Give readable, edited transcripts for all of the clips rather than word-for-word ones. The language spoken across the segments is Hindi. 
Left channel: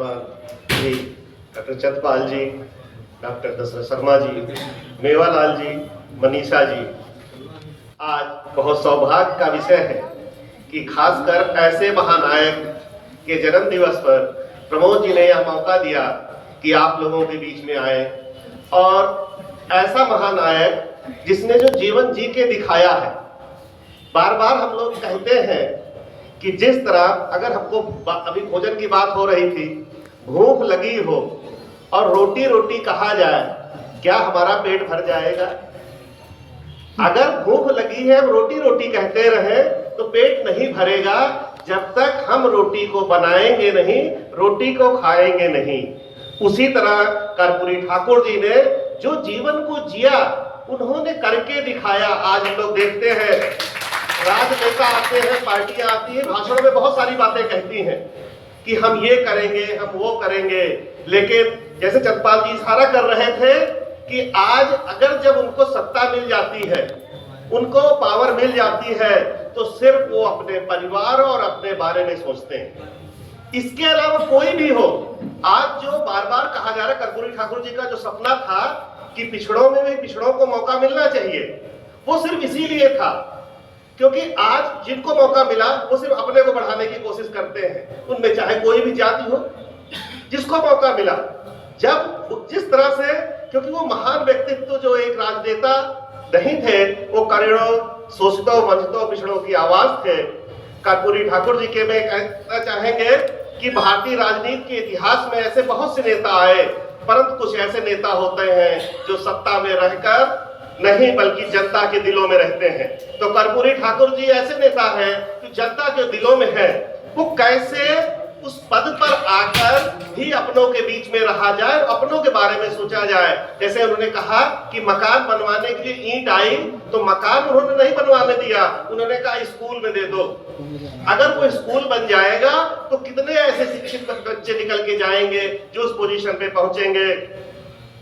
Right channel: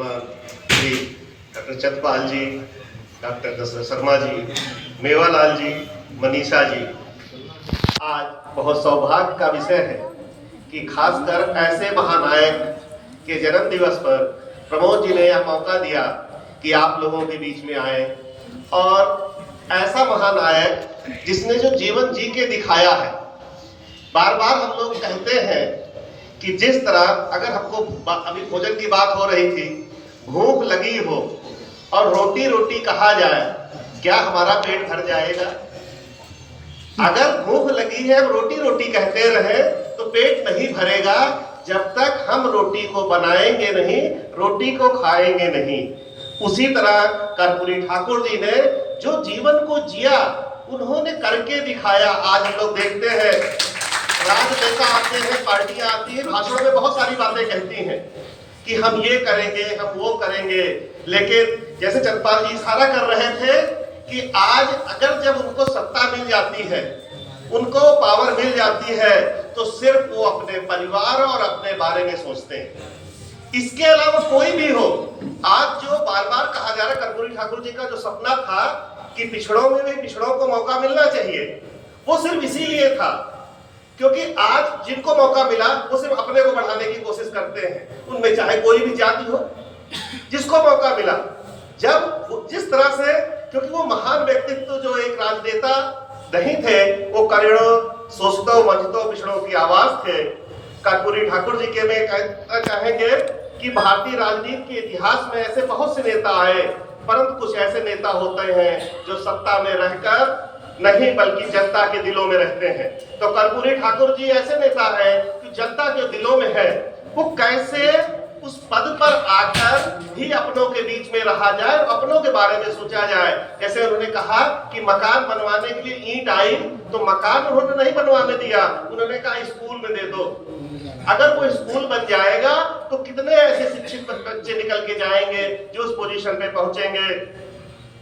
जी, डॉक्टर चंद्रपाल जी, डॉक्टर दशरथ शर्मा जी, मेवालाल जी, मनीषा जी, आज बहुत सौभाग्य का विषय है कि खासकर ऐसे महानायक के जन्म दिवस पर प्रमोद जी ने यह मौका दिया कि आप लोगों के बीच में आए और ऐसा महानायक जिसने जो जीवन जी के दिखाया है। बार बार हम लोग कहते हैं कि जिस तरह अगर हमको अभी भोजन की बात हो रही थी, भूख लगी हो और रोटी रोटी कहा जाए, क्या हमारा पेट भर जाएगा? अगर भूख लगी है, रोटी रोटी कहते रहे तो पेट नहीं भरेगा जब तक हम रोटी को बनाएंगे नहीं, रोटी को खाएंगे नहीं। उसी तरह कर्पूरी ठाकुर जी ने जो जीवन को जिया, उन्होंने करके दिखाया। आज हम लोग देखते हैं राजनेता आते हैं, पार्टियां आती हैं, भाषणों में बहुत सारी बातें कहती हैं कि हम ये करेंगे, हम वो करेंगे, लेकिन जैसे चंद्रपाल जी इशारा कर रहे थे कि आज अगर जब उनको सत्ता मिल जाती है, उनको पावर मिल जाती है, तो सिर्फ वो अपने परिवार और अपने बारे में सोचते हैं। इसके अलावा कोई भी हो, आज जो बार बार कहा जा रहा है, कर्पूरी ठाकुर जी का जो सपना था कि पिछड़ों में भी पिछड़ों को मौका मिलना चाहिए, वो सिर्फ इसीलिए था क्योंकि आज जिनको मौका मिला वो सिर्फ अपने को बढ़ाने की कोशिश करते हैं, उनमें चाहे कोई भी जाति हो। जिसको मौका मिला, जब जिस तरह से, क्योंकि वो महान व्यक्तित्व जो एक राजनेता नहीं थे, वो करोड़ों शोषितों वंचितों पिछड़ों की आवाज थे। कर्पूरी ठाकुर जी के में कहना चाहेंगे कि भारतीय राजनीति के इतिहास में ऐसे बहुत से नेता आए, परंतु कुछ ऐसे नेता होते हैं जो सत्ता में रहकर नहीं बल्कि जनता के दिलों में रहते हैं। तो कर्पूरी ठाकुर जी ऐसे नेता हैं कि जनता के दिलों में है। वो कैसे उस पद पर आकर भी अपनों के बीच में रहा जाए, अपनों के बारे में सोचा जाए। जैसे उन्होंने कहा कि मकान बनवाने की ईंट आई तो मकान उन्होंने नहीं बनवाने दिया, उन्होंने कहा स्कूल में दे दो। अगर वो स्कूल बन जाएगा तो कितने ऐसे शिक्षित बच्चे निकल के जाएंगे जो उस पोजीशन पे पहुंचेंगे।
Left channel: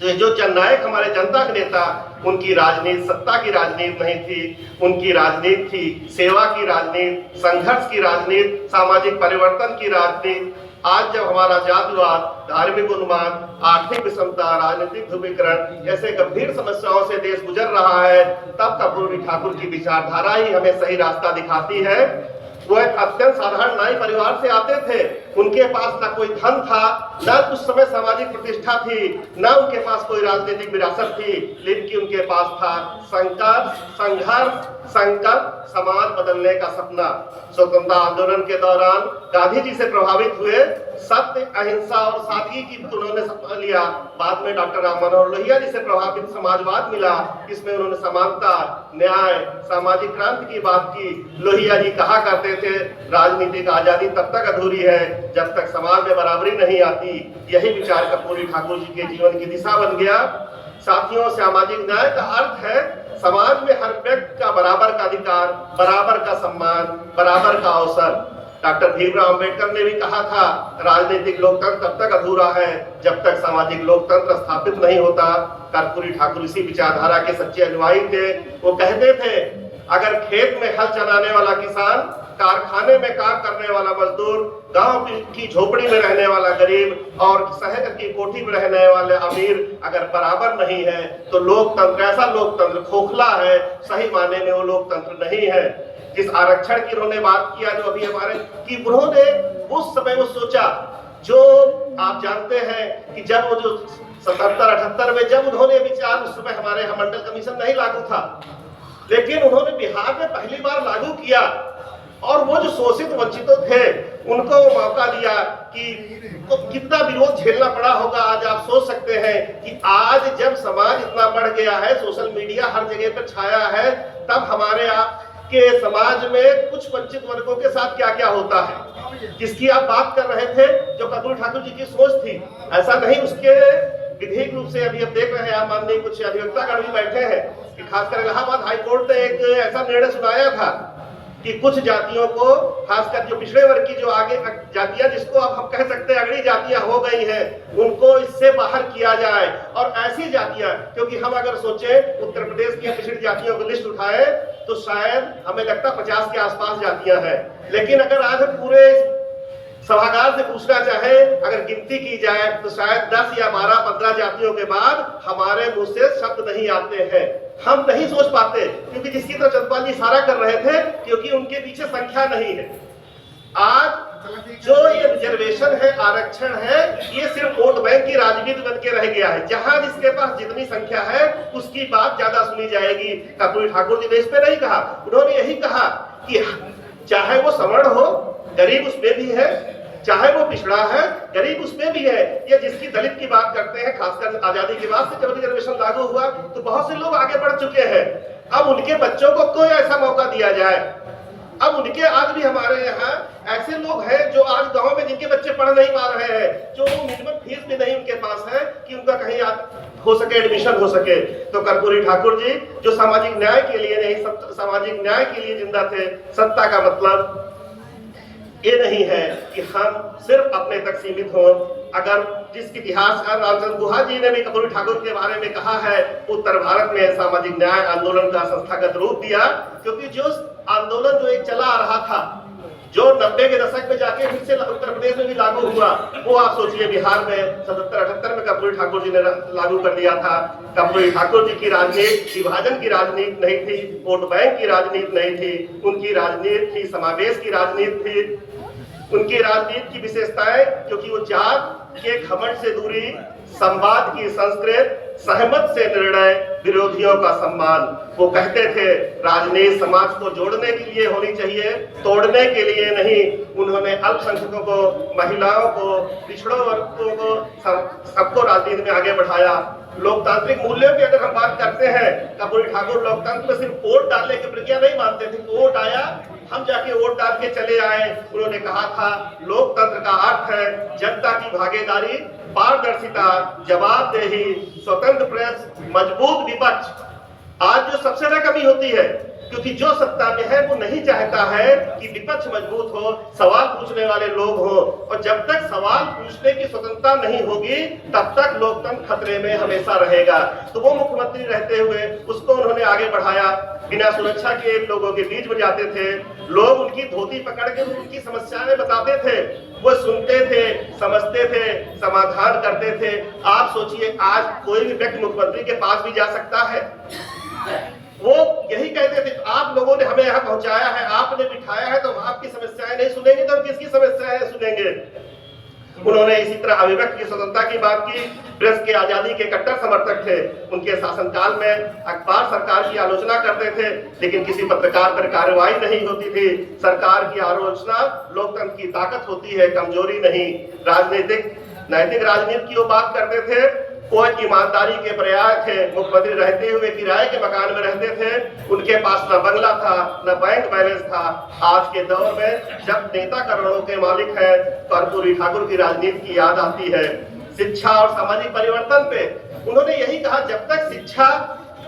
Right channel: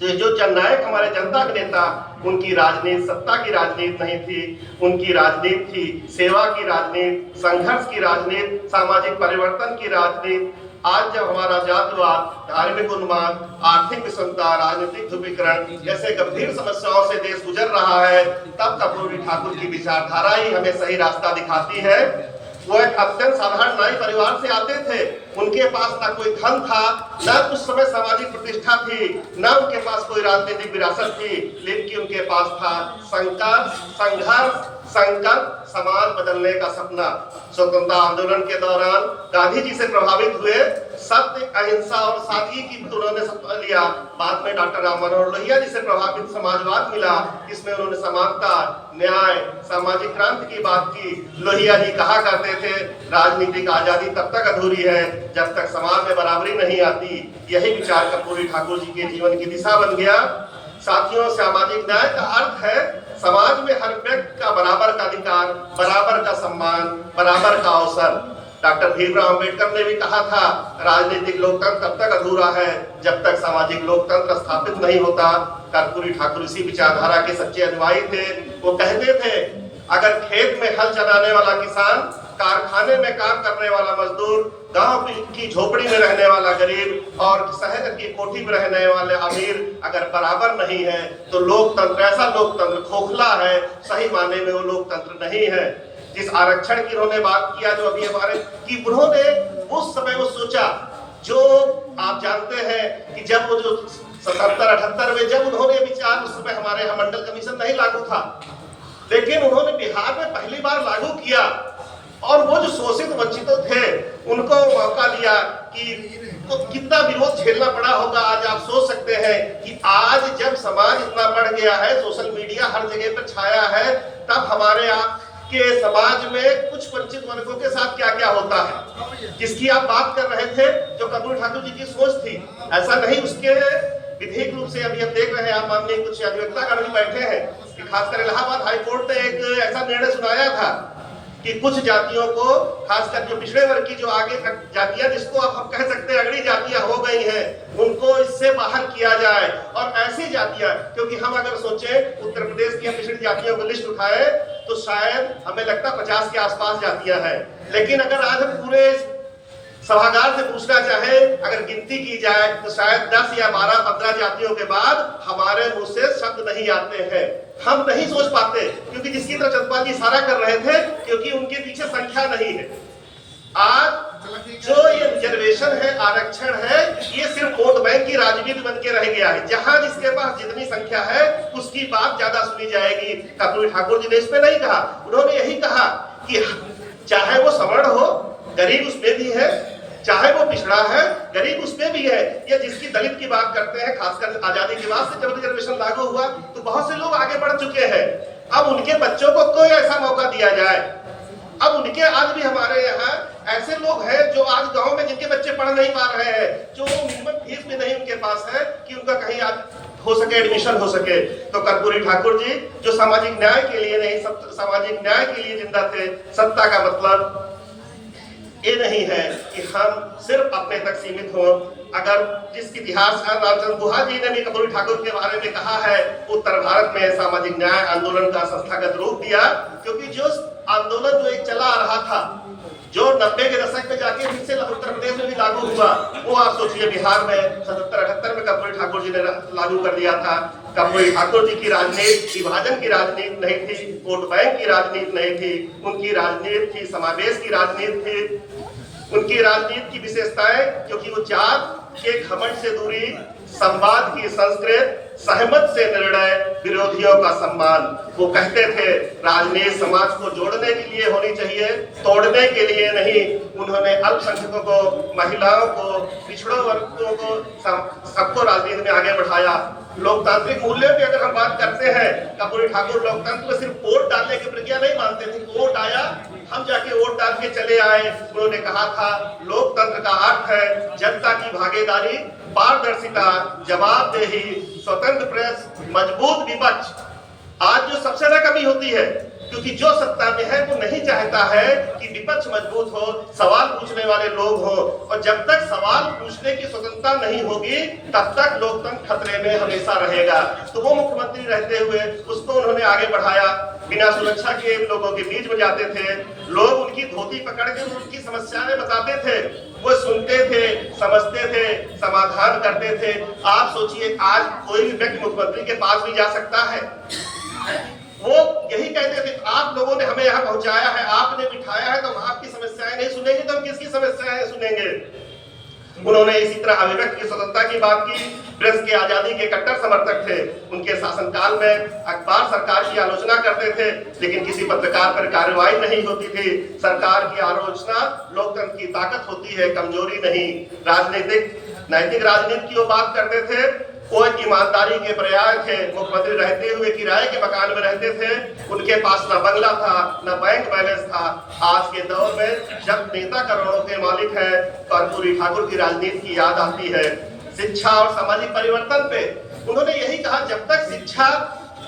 तो जो जननायक हमारे जनता के नेता, उनकी राजनीति सत्ता की राजनीति नहीं थी, उनकी राजनीति थी सेवा की राजनीति, संघर्ष की राजनीति, सामाजिक परिवर्तन की राजनीति। आज जब हमारा जातिवाद, धार्मिक उन्माद, आर्थिक विषमता, राजनीतिक ध्रुवीकरण जैसे गंभीर समस्याओं से देश गुजर रहा है, तब कर्पूरी ठाकुर की विचारधारा ही हमें सही रास्ता दिखाती है। वो एक अत्यंत साधारण नाई परिवार से आते थे, उनके पास ना कोई धन था, ना उस समय सामाजिक प्रतिष्ठा थी, ना उनके पास कोई राजनीतिक विरासत थी, लेकिन उनके पास था संघर्ष, संकल्प, समाज बदलने का सपना। स्वतंत्रता आंदोलन के दौरान गांधी जी से प्रभावित हुए, सत्य, अहिंसा और सादगी की उन्होंने सपना लिया। बाद में डॉक्टर राम मनोहर लोहिया जी से प्रभावित समाजवाद मिला, जिसमें उन्होंने समानता, न्याय, सामाजिक क्रांति की बात की। लोहिया जी कहा करते थे, राजनीतिक आजादी तब तक अधूरी है जब तक समाज में बराबरी नहीं आती। यही विचार कर्पूरी ठाकुर जी के जीवन की दिशा बन गया। साथियों, सामाजिक न्याय का अर्थ है समाज में हर व्यक्ति का बराबर का अधिकार, बराबर का सम्मान, बराबर का अवसर। डॉक्टर भीमराव अंबेडकर ने भी कहा था, राजनीतिक लोकतंत्र तब तक अधूरा है जब तक सामाजिक लोकतंत्र स्थापित नहीं होता। कर्पूरी ठाकुर इसी विचारधारा के सच्चे अनुयायी थे। वो कहते थे, अगर खेत में हल चलाने वाला किसान, कारखाने में काम करने वाला मजदूर, गांव की झोपड़ी में रहने वाला गरीब और शहर की कोठी में रहने वाले अमीर अगर बराबर नहीं है तो लोकतंत्र, ऐसा लोकतंत्र खोखला है, सही मायने में वो लोकतंत्र नहीं है। जिस आरक्षण की उन्होंने बात किया, जो अभी हमारे कि उन्होंने उस समय वो सोचा, जो आप जानते हैं कि जब वो जो 77-78 में जब उन्होंने विचार, उस समय हमारे यहाँ मंडल कमीशन नहीं लागू था, लेकिन उन्होंने बिहार में पहली बार लागू किया और वो जो शोषित वंचितों थे उनको मौका दिया कि तो कितना विरोध झेलना पड़ा होगा। आज आप सोच सकते हैं कि आज जब समाज इतना बढ़ गया है, सोशल मीडिया हर जगह पर छाया है, तब हमारे आपके समाज में कुछ वंचित वर्गों के साथ क्या क्या होता है, जिसकी आप बात कर रहे थे, जो कर्पूरी ठाकुर जी की सोच थी। ऐसा नहीं, उसके विधिक रूप से अभी अब देख रहे हैं आप, माननीय कुछ अधिवक्ता भी बैठे हैं कि खासकर इलाहाबाद हाईकोर्ट ने एक ऐसा निर्णय सुनाया था कि कुछ जातियों को, खासकर जो पिछड़े वर्ग की जो आगे जातियां, जिसको अब हम कह सकते हैं अगली जातियां हो गई हैं, उनको इससे बाहर किया जाए। और ऐसी जातियां, क्योंकि हम अगर सोचें उत्तर प्रदेश की पिछड़ी जातियों की लिस्ट उठाए तो शायद हमें लगता 50 के आसपास जातियां हैं, लेकिन अगर आज हम पूरे सभागार से पूछना चाहे, अगर गिनती की जाए तो शायद 10 या 12-15 जातियों के बाद हमारे मुंह से शब्द नहीं आते हैं। हम नहीं सोच पाते, क्योंकि जिसकी तरफ चंद्रपाल जी इशारा कर रहे थे, क्योंकि उनके पीछे संख्या नहीं है। आज जो ये रिजर्वेशन है, आरक्षण है, ये सिर्फ वोट बैंक की राजनीति बन के रह गया है। जहां जिसके पास जितनी संख्या है उसकी बात ज्यादा सुनी जाएगी। कर्पूरी ठाकुर जी ने इस पे नहीं कहा, उन्होंने यही कहा कि चाहे वो सवर्ण हो, गरीब उसमें भी है, चाहे वो पिछड़ा है, गरीब उसमें भी है। ये जिसकी दलित की बात करते हैं, खासकर आजादी के बाद से जब रिजर्वेशन लागू हुआ तो बहुत से लोग आगे बढ़ चुके हैं। अब उनके बच्चों को कोई ऐसा मौका दिया जाए। अब उनके आज भी हमारे यहाँ ऐसे लोग हैं जो आज गांव में जिनके बच्चे पढ़ नहीं पा रहे हैं, जो मिनिमम फीस भी नहीं उनके पास है कि उनका कहीं हो सके, एडमिशन हो सके। तो कर्पूरी ठाकुर जी जो सामाजिक न्याय के लिए नहीं, सामाजिक न्याय के लिए जिंदा थे। सत्ता का मतलब ये नहीं है कि हम सिर्फ अपने तक सीमित हो। अगर जिस इतिहासकार लालचंद गुहा जी ने भी कर्पूरी ठाकुर के बारे में कहा है, उत्तर भारत में सामाजिक न्याय आंदोलन का संस्थागत रूप दिया, क्योंकि जो आंदोलन जो एक चला आ रहा था, जो 90 के दशक में जाके फिर से उत्तर प्रदेश में भी लागू हुआ, वो आप सोचिए बिहार में 77-78 में कर्पूरी ठाकुर जी ने लागू कर दिया था। कर्पूरी ठाकुर जी की राजनीति विभाजन की राजनीति नहीं थी, वोट बैंक की राजनीति नहीं थी, उनकी राजनीति थी समावेश की राजनीति थी। उनकी राजनीति की विशेषताएं, क्योंकि वो जात के घमंड से दूरी, संवाद की संस्कृत, सहमत से निर्णय, विरोधियों का सम्मान। वो कहते थे राजनीति समाज को जोड़ने के लिए होनी चाहिए, तोड़ने के लिए नहीं। उन्होंने अल्पसंख्यकों को, महिलाओं को, पिछड़ों वर्गों को, सबको राजनीति में आगे बढ़ाया। लोकतांत्रिक मूल्यों की अगर हम बात करते हैं, कर्पूरी ठाकुर लोकतंत्र में सिर्फ वोट डालने की प्रक्रिया नहीं मानते थे। वोट आया, हम जाके वोट डाल के चले आए। उन्होंने कहा था लोकतंत्र का अर्थ है जनता की भागीदारी, पारदर्शिता, जवाबदेही, स्वतंत्र प्रेस, मजबूत विपक्ष। आज जो सबसे ज्यादा कमी होती है, क्योंकि जो सत्ता में है वो नहीं चाहता है कि विपक्ष मजबूत हो, सवाल पूछने वाले लोग हो। और जब तक सवाल पूछने की स्वतंत्रता नहीं होगी तब तक लोकतंत्र खतरे में हमेशा रहेगा। तो वो मुख्यमंत्री रहते हुए उसको उन्होंने आगे बढ़ाया। बिना सुरक्षा के लोगों के बीच में जाते थे, लोग उनकी धोती पकड़ के उनकी समस्याएं बताते थे, वो सुनते थे, समझते थे, समाधान करते थे। आप सोचिए आज कोई भी व्यक्ति मुख्यमंत्री के पास भी जा सकता है, वो यही कहते थे आप लोगों ने हमें यहाँ पहुंचाया है, आपने बिठाया है, तो हम आपकी समस्याएं नहीं सुनेंगे तो हम किसकी समस्याएं सुनेंगे। उन्होंने इसी तरह अभिव्यक्ति की स्वतंत्रता की बात की। प्रेस की आजादी के कट्टर समर्थक थे। उनके शासनकाल में अखबार सरकार की आलोचना करते थे, लेकिन किसी पत्रकार पर कार्रवाई नहीं होती थी। सरकार की आलोचना लोकतंत्र की ताकत होती है, कमजोरी नहीं। राजनीतिक नैतिक राजनीति की वो बात करते थे। कोई ईमानदारी के प्रयास थे। मुख्यमंत्री रहते हुए किराए के मकान में रहते थे। उनके पास न बंगला था, न बैंक बैलेंस था। आज के दौर में जब नेता करोड़ों के मालिक है, कर्पूरी ठाकुर की राजनीति की याद आती है। शिक्षा और सामाजिक परिवर्तन पे उन्होंने यही कहा, जब तक शिक्षा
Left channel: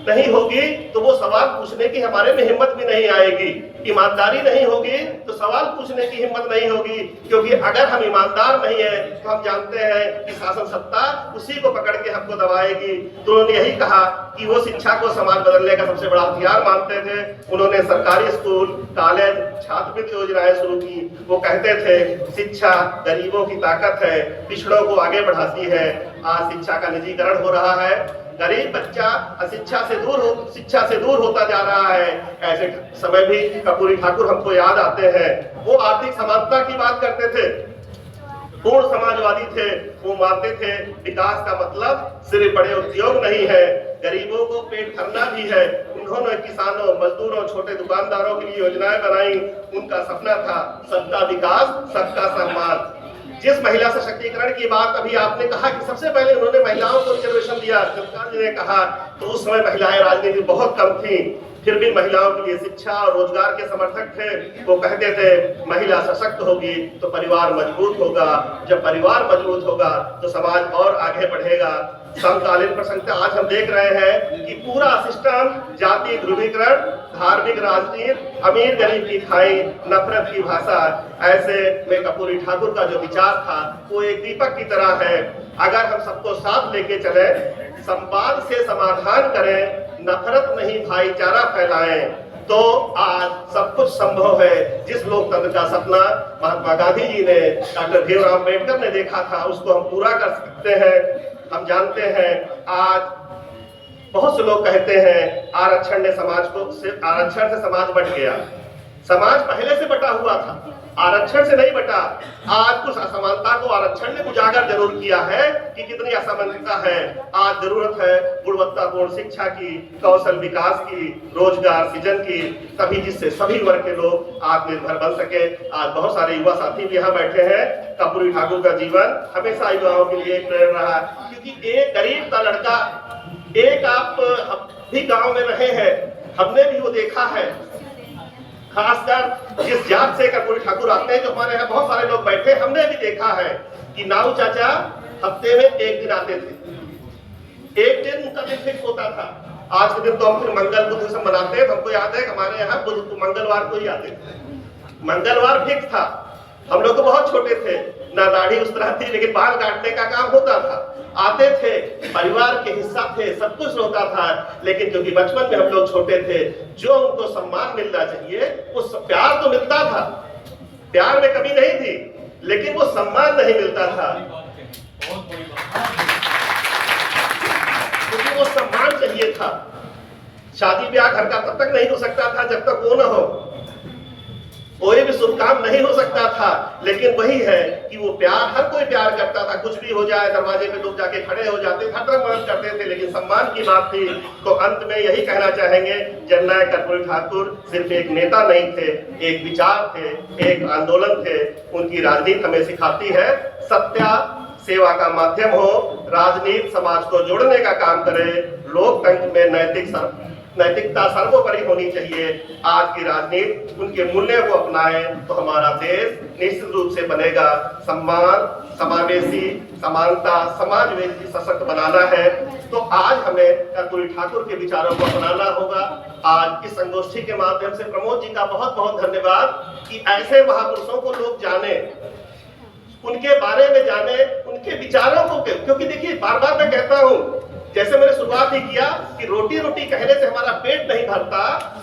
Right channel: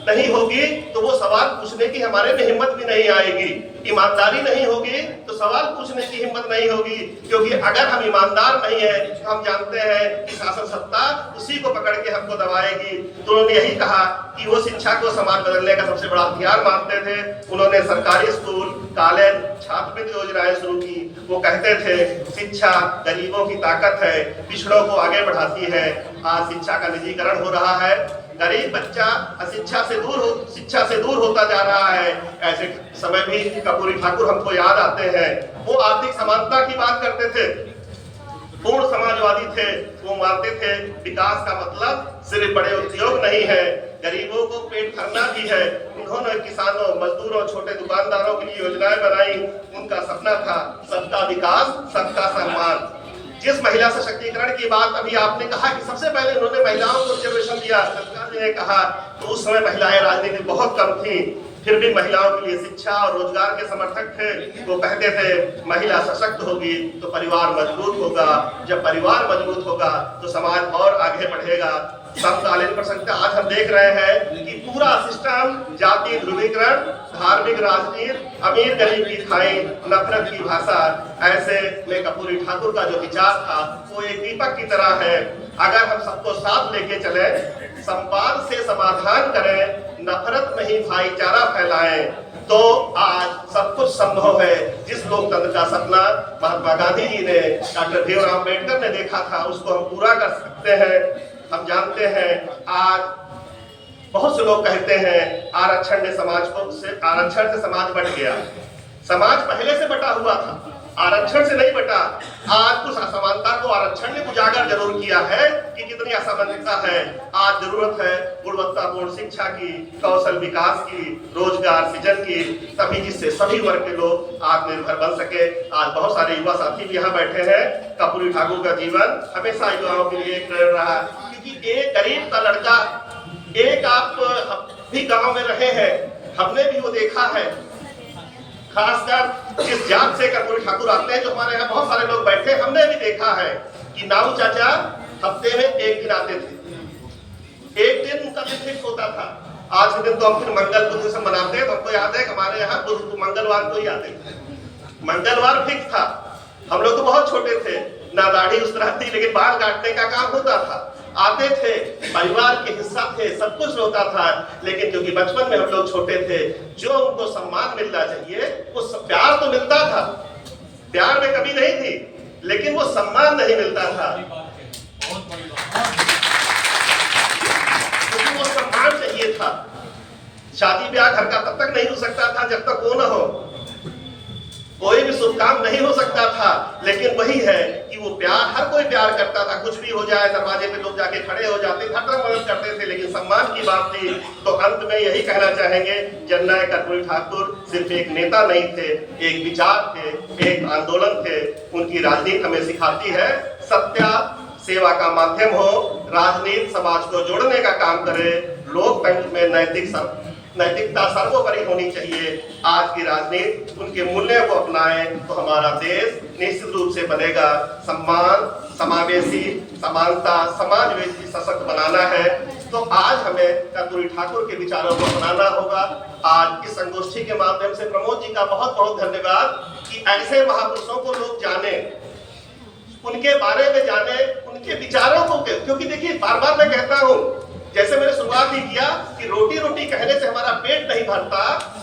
नहीं होगी तो वो सवाल पूछने की हमारे में हिम्मत भी नहीं आएगी। ईमानदारी नहीं होगी तो सवाल पूछने की हिम्मत नहीं होगी, क्योंकि अगर हम ईमानदार नहीं है तो हम जानते हैं कि शासन सत्ता उसी को पकड़ के हमको दबाएगी। तो उन्होंने यही कहा कि वो शिक्षा को समाज बदलने का सबसे बड़ा हथियार मानते थे। उन्होंने सरकारी स्कूल, कॉलेज, छात्रवृत्ति योजनाएं शुरू की। वो कहते थे शिक्षा गरीबों की ताकत है, पिछड़ों को आगे बढ़ाती है। आज शिक्षा का निजीकरण हो रहा है, गरीब बच्चा शिक्षा से दूर होता जा रहा है। ऐसे समय भी कर्पूरी ठाकुर हमको याद आते हैं। वो आर्थिक समानता की बात करते थे, पूर्ण समाजवादी थे। वो मानते थे विकास का मतलब सिर्फ बड़े उद्योग नहीं है, गरीबों को पेट भरना भी है। उन्होंने किसानों, मजदूरों, छोटे दुकानदारों के लिए योजनाएं बनाई। उनका सपना था सबका विकास, सबका सम्मान। जिस महिला सशक्तिकरण की बात अभी आपने कहा कि सबसे पहले उन्होंने महिलाओं को रिजर्वेशन दिया, सरकार ने कहा, तो उस समय महिलाएं राजनीति बहुत कम थी, फिर भी महिलाओं के लिए शिक्षा और रोजगार के समर्थक थे। वो कहते थे महिला सशक्त होगी तो परिवार मजबूत होगा, जब परिवार मजबूत होगा तो समाज और आगे बढ़ेगा। समकालीन प्रसंगता आज हम देख रहे हैं कि पूरा सिस्टम जाति ध्रुवीकरण, धार्मिक राजनीति, अमीर गरीब की खाई, नफरत की भाषा। ऐसे में कर्पूरी ठाकुर का जो विचार था वो एक दीपक की तरह है। अगर हम सबको साथ लेके चले, संवाद से समाधान करें, नफरत नहीं भाईचारा फैलाएं, तो आज सब कुछ संभव है। जिस लोकतंत्र का सपना महात्मा गांधी जी ने, डॉक्टर भीमराव अम्बेडकर ने देखा था, उसको हम पूरा कर सकते हैं। हम जानते हैं आज बहुत से लोग कहते हैं आरक्षण से समाज बट गया। समाज पहले से बटा हुआ था, आरक्षण से नहीं बटा। आज कुछ असमानता को आरक्षण ने उजागर जरूर किया है कि कितनी असमानता है। आज जरूरत है गुणवत्तापूर्ण शिक्षा की, कौशल विकास की, रोजगार सृजन की, तभी जिससे सभी वर्ग के लोग आत्मनिर्भर बन सके। आज बहुत सारे युवा साथी भी यहाँ बैठे हैं। कर्पूरी ठाकुर का जीवन हमेशा युवाओं के लिए एक प्रेरणा रहा, क्योंकि एक गरीब का लड़का, एक आप भी गांव में रहे हैं, हमने भी वो देखा है। खासकर जिस जात से कर्पूरी ठाकुर आते हैं, जो हमारे यहाँ बहुत सारे लोग बैठे, हमने भी देखा है कि नाऊ चाचा हफ्ते में एक दिन आते थे, एक दिन उनका दिन फिक्स होता था। आज के दिन तो हम फिर मंगल बुध से मनाते हैं। हमको याद है कि हमारे यहाँ मंगलवार को ही आते थे, मंगलवार फिक्स था। हम लोग तो बहुत छोटे थे, ना दाढ़ी उस तरह थी, लेकिन बाल काटने का काम होता था। आते थे, परिवार के हिस्सा थे, सब कुछ होता था। लेकिन क्योंकि बचपन में हम लोग छोटे थे, जो उनको सम्मान मिलना चाहिए, वो प्यार तो मिलता था, प्यार में कमी नहीं थी, लेकिन वो सम्मान नहीं मिलता था। क्योंकि वो सम्मान चाहिए था। शादी ब्याह घर का तब तक नहीं हो सकता था जब तक वो न हो, कोई भी शुभ काम नहीं हो सकता था। लेकिन वही है कि वो प्यार, हर कोई प्यार करता था। कुछ भी हो जाए, दरवाजे पे लोग जाके खड़े हो जाते थे, हर मदद करते थे, लेकिन सम्मान की बात थी। तो अंत में यही कहना चाहेंगे, जननायक कर्पूरी ठाकुर सिर्फ एक नेता नहीं थे, एक विचार थे, एक आंदोलन थे। उनकी राजनीति हमें सिखाती है सत्य सेवा का माध्यम हो, राजनीति समाज को जोड़ने का काम करे, लोकतंत्र में नैतिकता सर्वोपरि होनी चाहिए। आज की राजनीति उनके मूल्यों को अपनाए तो हमारा देश निश्चित रूप से बनेगा। सम्मान, समावेशी, समानता, समाजवेशी सशक्त बनाना है, तो आज हमें कर्पूरी ठाकुर के विचारों को अपनाना होगा। आज इस संगोष्ठी के माध्यम से प्रमोद जी का बहुत बहुत धन्यवाद कि ऐसे महापुरुषों को लोग जाने, उनके बारे में जाने, उनके विचारों को, क्योंकि देखिए बार बार मैं कहता हूँ, जैसे मैंने शुरुआत ही किया कि रोटी रोटी कहने से हमारा पेट नहीं भरता,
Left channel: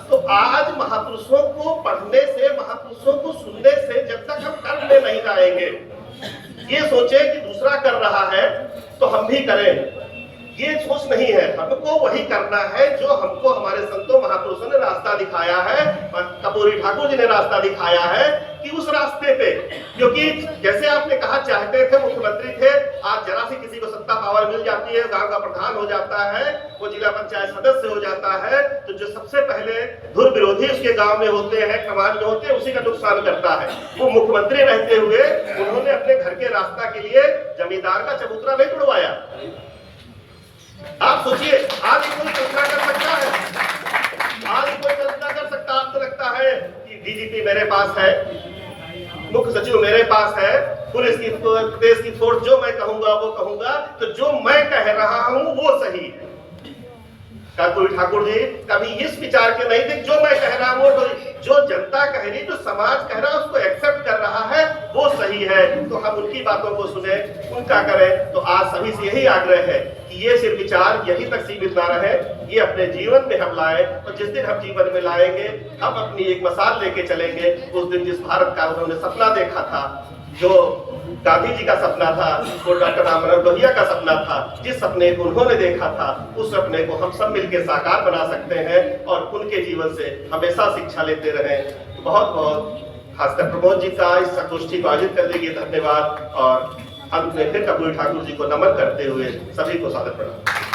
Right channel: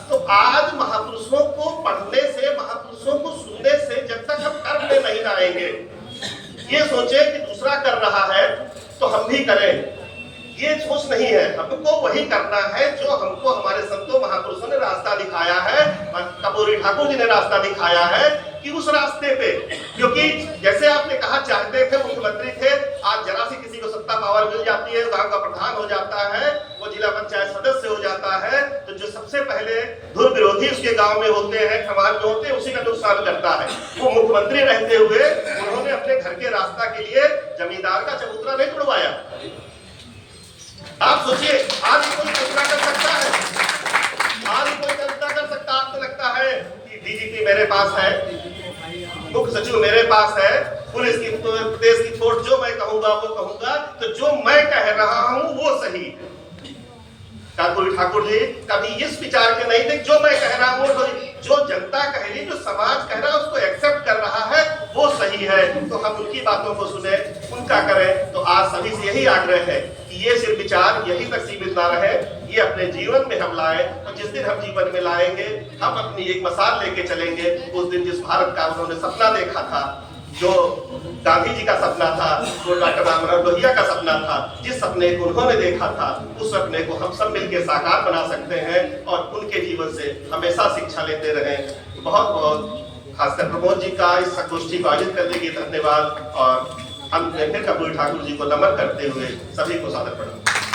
तो आज महापुरुषों को पढ़ने से, महापुरुषों को सुनने से, जब तक हम कर्म में नहीं लाएंगे, ये सोचे कि दूसरा कर रहा है तो हम भी करें, ये सोच नहीं है। हमको वही करना है जो हमको हमारे संतों महापुरुषों ने रास्ता दिखाया है, कर्पूरी ठाकुर जी ने रास्ता दिखाया है कि उस रास्ते पे, क्योंकि जैसे आपने कहा चाहते थे, मुख्यमंत्री थे, आज जरा सी किसी को सत्ता पावर मिल जाती है, गांव का प्रधान हो जाता है, वो जिला पंचायत सदस्य हो जाता है, तो जो सबसे पहले धुर विरोधी उसके गांव में होते हैं, समाज में होते हैं, उसी का नुकसान करता है। वो मुख्यमंत्री रहते हुए उन्होंने अपने घर के रास्ता के लिए जमींदार का चबूतरा नहीं तोड़वाया। आप सोचिए, आज कोई कल्पना कर सकता है? आज कोई कल्पना कर सकता? आपको लगता है कि डीजीपी मेरे पास है, मुख्य सचिव मेरे पास है, पुलिस की, प्रदेश की फोर्स, जो मैं कहूंगा वो कहूंगा, तो जो मैं कह रहा हूं वो सही। कर्पूरी ठाकुर जी कभी इस विचार के नहीं थे, जो मैं कह रहा हूं, जो जनता कह रही, जो समाज कह रहा है, उसको एक्सेप्ट कर रहा है, वो सही है, तो हम उनकी बातों को सुने, उनका करें। तो आज सभी से यही आग्रह है कि ये सिर्फ विचार यहीं तक सीमित ना रहे, ये अपने जीवन में हम लाए। और जिस दिन हम जीवन में लाएंगे, हम अपनी एक मिसाल लेके चलेंगे। उस दिन जिस भारत का उन्होंने सपना देखा था, जो गांधी जी का सपना था, वो डॉक्टर राममनोहर लोहिया का सपना था, जिस सपने को उन्होंने देखा था, उस सपने को हम सब मिलकर साकार बना सकते हैं और उनके जीवन से हमेशा शिक्षा लेते रहें। बहुत बहुत खासकर प्रमोद जी का इस संगोष्ठी को आयोजित करने के लिए धन्यवाद, और अंत में फिर कर्पूरी ठाकुर जी को नमन करते हुए सभी को सादर प्रणाम।